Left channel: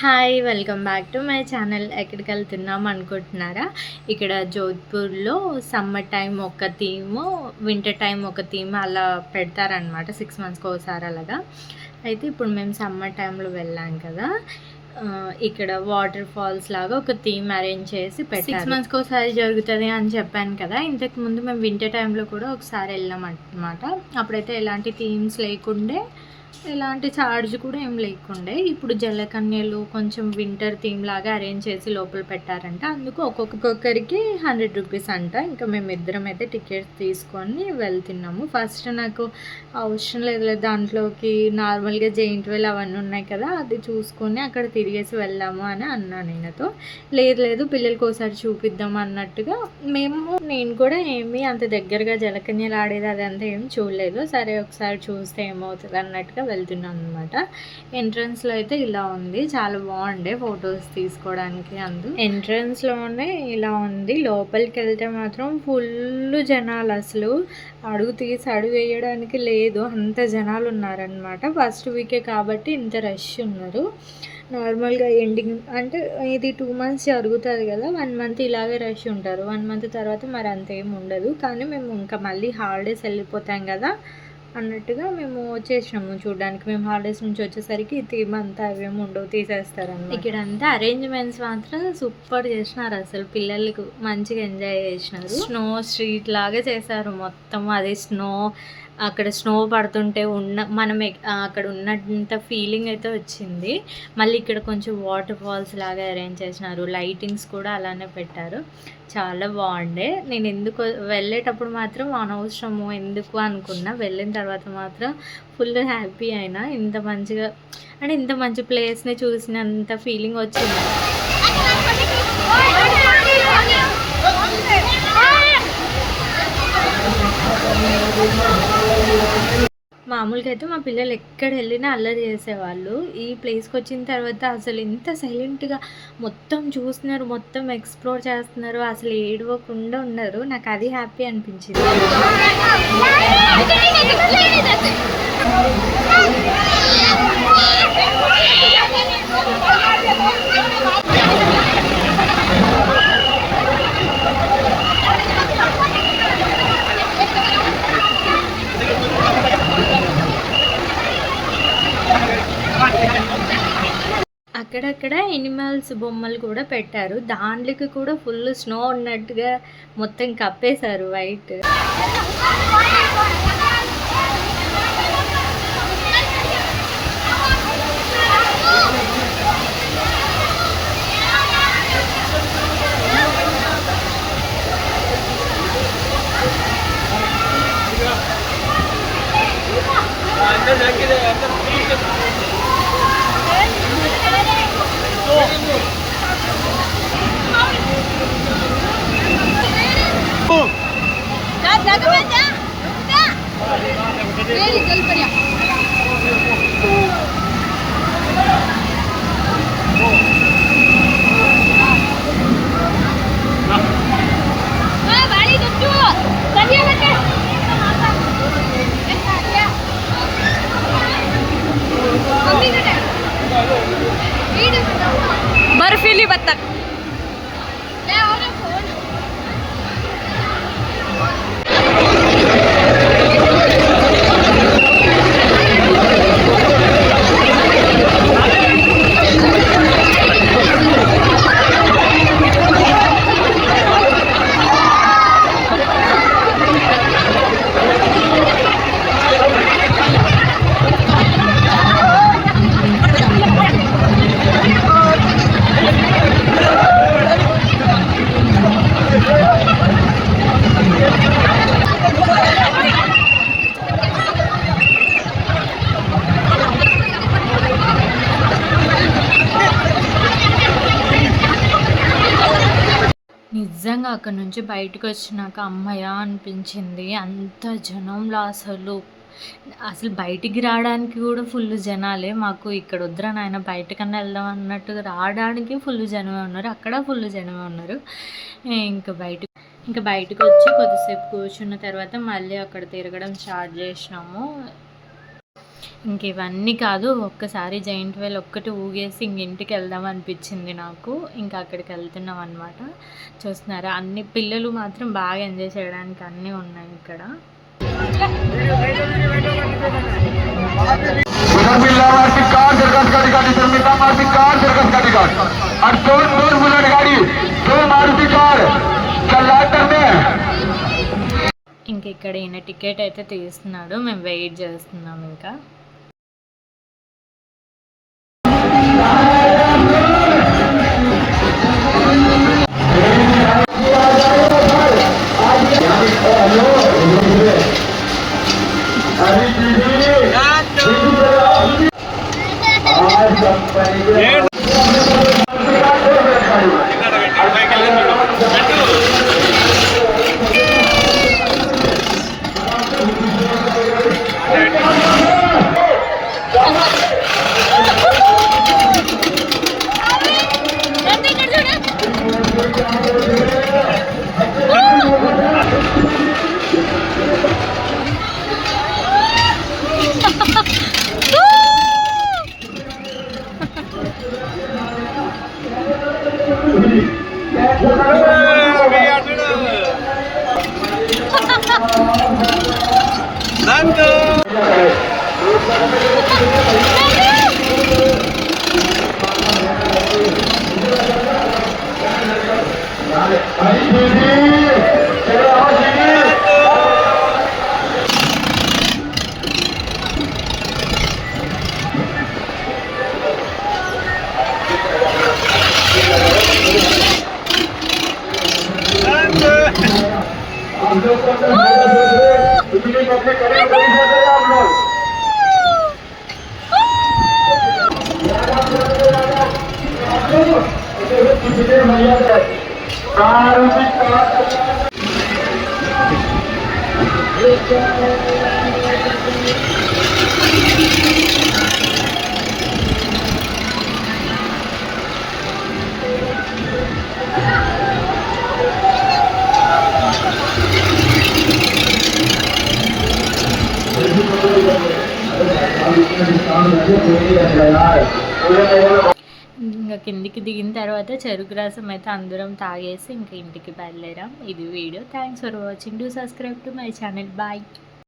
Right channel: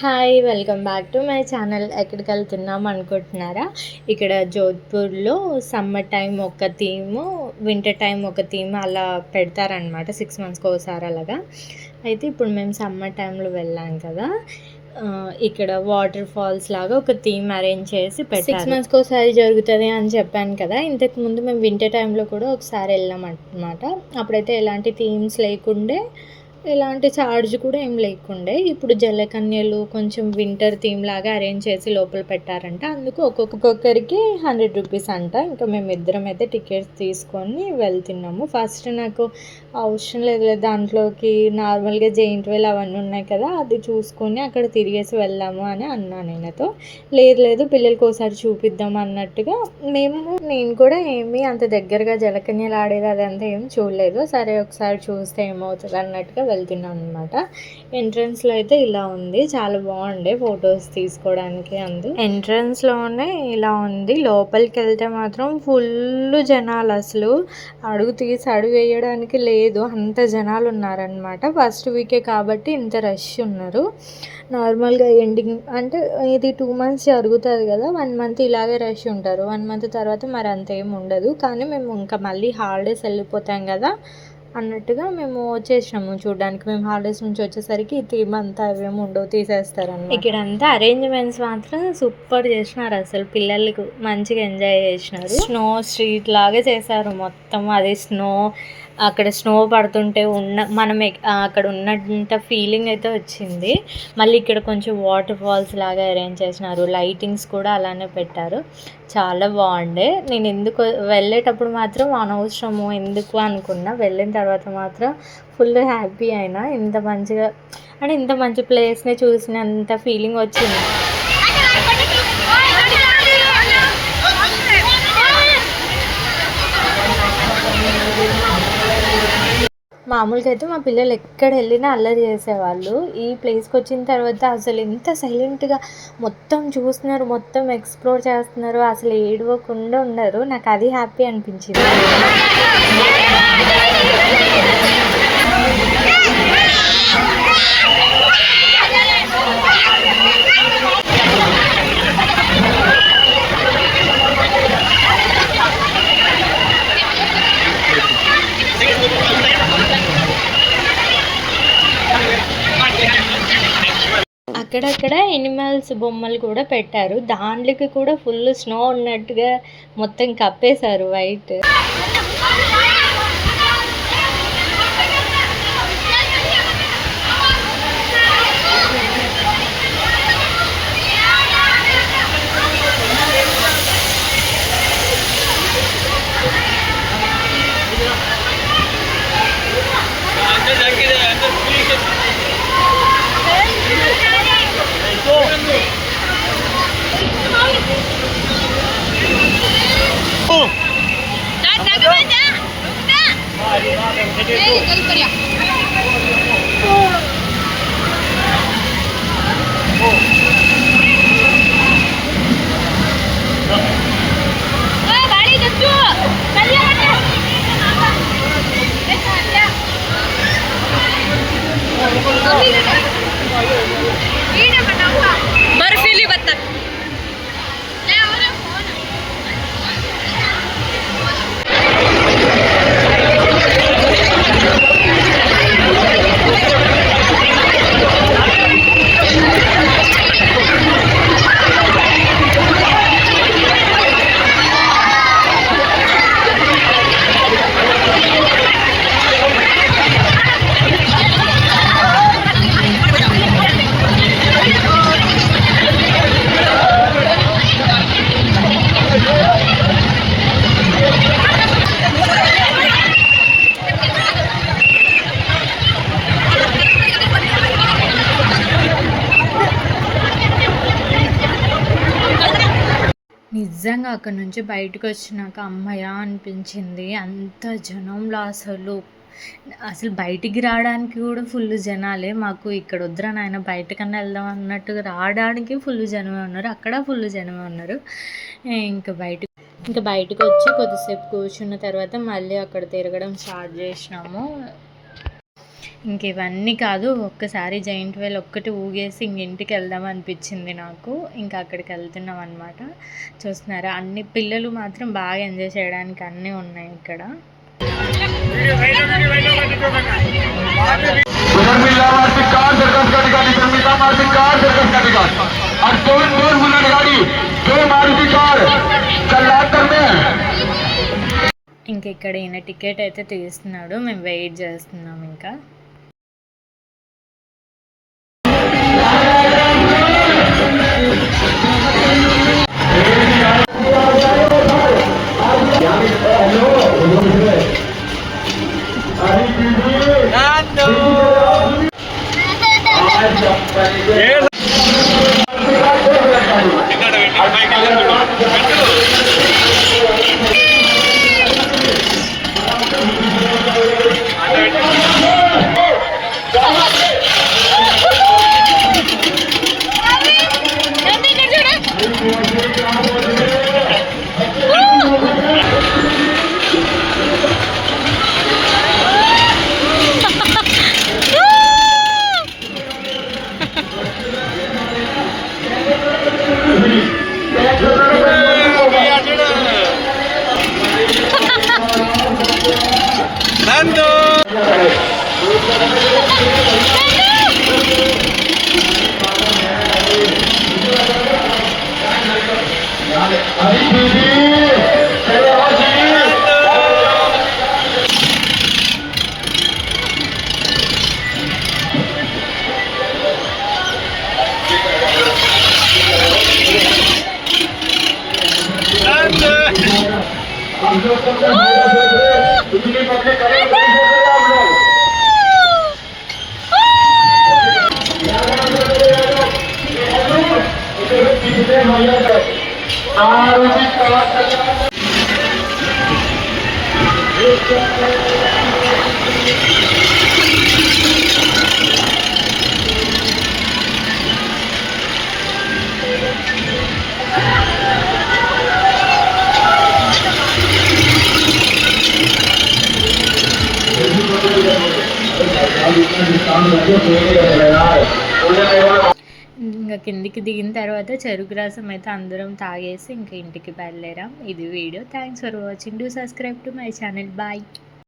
Hi welcome back to my channel. ఎక్కడికి వెళ్తున్నాం అనుకుంటున్నారా? ఇక్కడ జోధ్పూర్లో సమ్మర్ టైం ఒక థీము, వింటర్ టైం ఒక థీమ్ అలా పెడతారనమాట. 6 మంత్స్కి ఒకసారి అలాగా. అయితే ఇప్పుడు మేము సమ్మర్ టైంలో వెళ్ళాం కదా, ఇక్కడ వాటర్ ఫాల్స్ లాగా ఒక థీమ్ అరేంజ్ చేసి 6 మంత్స్కి ఒకసారి జరుగుతుంది అని చెప్పాను కదా. ఇంతకుముందు మేము వింటర్ టైంలో కూడా ఒకసారి వెళ్ళాం అనమాట. అప్పుడైతే ఎలాంటి థీమ్స్ లేకుండే, ఎలాంటి ఛార్జ్ కూడా ఏం లేకుండే. ఇప్పుడు జలకన్యలు కొంచెం వింటర్ థీమ్ లాగా అరేంజ్ చేసి లోపల పెట్టారంట. అందుకు ఒక్కొక్కరికి 100 రూపీస్ అంట. ఇంకా మేము ఇద్దరం అయితే టికెట్స్ తీసుకొని వెళ్తున్నాము. ఫస్ట్ నాకు అవసరం లేదు, దాంట్లోకి నార్మల్గా జెయింట్ వీల్ అవన్నీ ఉన్నాయి కదా, అది చూసుకొని అక్కడ తిరిగేసి వెళ్దాము అని అన్నా నేనతో. లేదు పిల్లలకి ఒకసారి చూపిద్దాం అన్నట్టుగా నేను కూడా ఏమీ అంత దగ్గరగా జలకన్యలు ఆడేది అదంతా ఏం చూడలేదు. సరే ఒకసారి చూస్తే ఏమవుతుంది అన్నట్టుగా వెళ్తున్నాను అనమాట. ఎంట్రన్స్లో అయితే ఇలా ఉంది, చాలా బాగుండే ఫొటోస్ తీసుకోవడానికి. ఎంట్రన్స్లోనే ఇలా ఉంది. లోపలికి వెళ్తే మాత్రం ఫుల్ జనాలు, అసలు అడుగు తీసి అడుగు వేయడానికి లేదు, అంత జనాలు ఉన్నారనమాట. ఫస్ట్ వీకే కాబట్టి ఇంత రష్ ఉన్నారు. నార్మల్గా ఎండింగ్ అంటే ఇది 2 మంత్స్ జరుగుతుంది కదా, 1 మంత్ ఇలాగే రష్ ఉంటారు. 1 మంత్ తర్వాత మరి అంత ఏమి ఉండదు. కానీ మేము ఇంకా మళ్ళీ హాలిడేస్ వెళ్ళిపోతాం కదా అన్నట్టుగా మేము వచ్చేసినాము చూడడానికి. మేము హాలిడేస్ నుంచి వచ్చేసరికి థీమ్ అంతా అవేమి ఉండవు, తీసేస్తారన్నమాట. ఇక్కడ అంతా అరేంజ్మెంట్స్ మాత్రం సూపర్ చేసినారు, అసలు పిల్లలకు మంచిగా ఎంజాయ్ చేసినారు. స్నో స్ట్రీట్ లాగా చేశారు మొత్తం. అది స్నో, అక్కడ స్నో పడుతుంటే మనం అక్కడ ఉన్నంత ఫీలింగ్ అయితే వచ్చింది. మళ్ళీ ఇక్కడ కొంచెం వాటర్ ఫాల్స్ లాగా అరేంజ్ చేసినారు, లైటింగ్స్ కూడా అలానే పెట్టారు. చాలా బాగుండే. నేను ఎందుకు వెళ్ళేటప్పుడు మాత్రం అనవసరము ఎందుకు అనుకున్నా, వెళ్ళిన తర్వాత మాత్రం ఫుల్ హ్యాపీ అయినా. ఇంత మంచిగా అంటే ఇంత మంచి ప్లేస్ని చూసినంత ఫీలింగ్ వచ్చింది. మామూలుగా అయితే మా పిల్లలు ఎక్కడ వెళ్ళినా అల్లరి చేసేవాళ్ళు. ఈ ప్లేస్కి వచ్చిన తర్వాత అసలు ఎంత సైలెంట్గా మొత్తం చూస్తున్నారు, మొత్తం ఎక్స్ప్లోర్ చేస్తున్నారు, అసలు ఏడవకుండా ఉండరు. నాకు అది హ్యాపీ అనిపించింది. అక్కడక్కడ ఎనిమల్స్ బొమ్మలు కూడా పెట్టారు. దాంట్లోకి కూడా ఫుల్ స్నో ఉన్నట్టుగా మొత్తం కప్పేశారు వైట్. बर्फीली बत्तख నిజంగా అక్కడ నుంచి బయటకు వచ్చినాక అమ్మయ్య అనిపించింది. అంత జనంలో అసలు బయటికి రావడానికి కూడా ఫుల్ జనాలే. మాకు ఇక్కడ వద్దురా నాయన బయటకన్నా వెళ్దాం అన్నట్టుగా రావడానికి ఫుల్ జనమే ఉన్నారు, అక్కడ ఫుల్ జనమే ఉన్నారు. ఇంకా బయటకు వచ్చి కొద్దిసేపు కూర్చున్న తర్వాత మళ్ళీ అక్కడ తిరగడం స్టార్ట్ చేసినాము. ఇంక ఇవన్నీ కాదు, ఒక్కసారి జైంట్ వీల్ ఒక్కటి ఊగేసి ఇంక ఇంటికి వెళ్దాం అనిపించింది నాకు. ఇంకా అక్కడికి వెళ్తున్నాం అనమాట. చూస్తున్నారా, అన్ని పిల్లలు మాత్రం బాగా ఎంజాయ్ చేయడానికి అన్నీ ఉన్నాయి ఇక్కడ. ఇంక ఇక్కడ ఈయన టికెట్ అయితే తీస్తున్నాడు, మేము వెయిట్ చేస్తున్నాం ఇంకా. ఇంకా కిందికి దిగిన తర్వాత చెరుకు రసం అయితే అందరం తాగేసి ఇంకా ఇంటికి బయలుదేరాం. ఇది video. Thanks for watching. Do subscribe to my channel. Bye.